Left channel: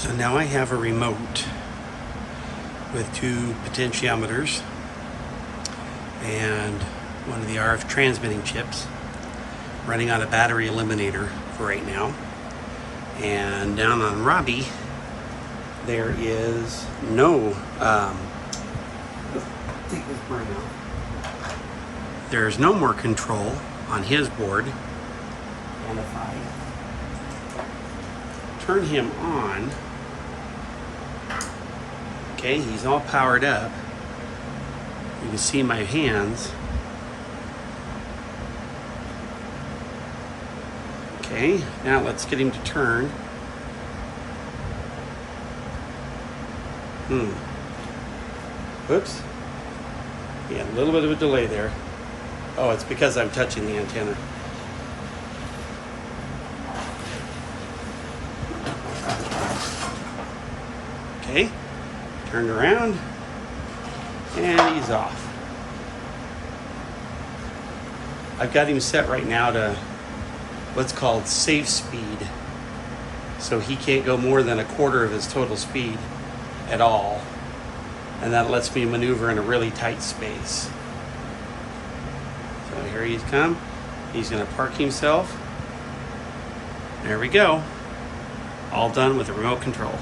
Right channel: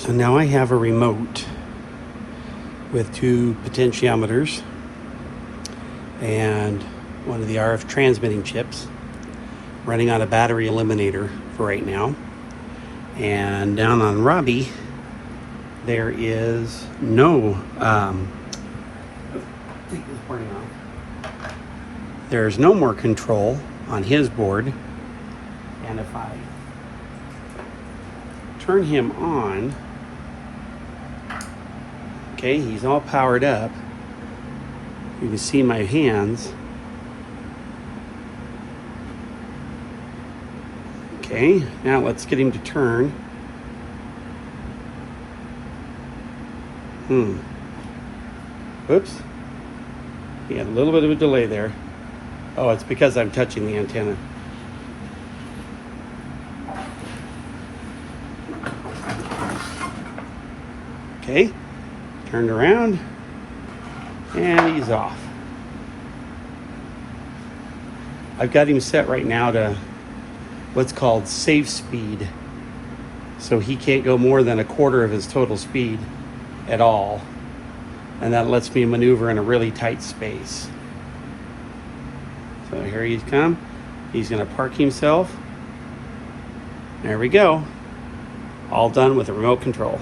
So now I have a remote with two potentiometers and one of the RF transmitting chips running on a battery eliminator for right now. And down on Robbie, there is no, take this part out. There's no more control on his board. And if I turn him on, okay, he's all powered up. You can see my hands. Okay, now let's get him to turn. Oops. He had a little bit of a delay there. Oh, it's because I'm touching the antenna. Okay, turned around, and he's off. I've got him set right now to what's called safe speed. So he can't go more than a quarter of his total speed at all. And that lets me maneuver in a really tight space. So here he's come. He's gonna park himself. There we go. All done with a remote control.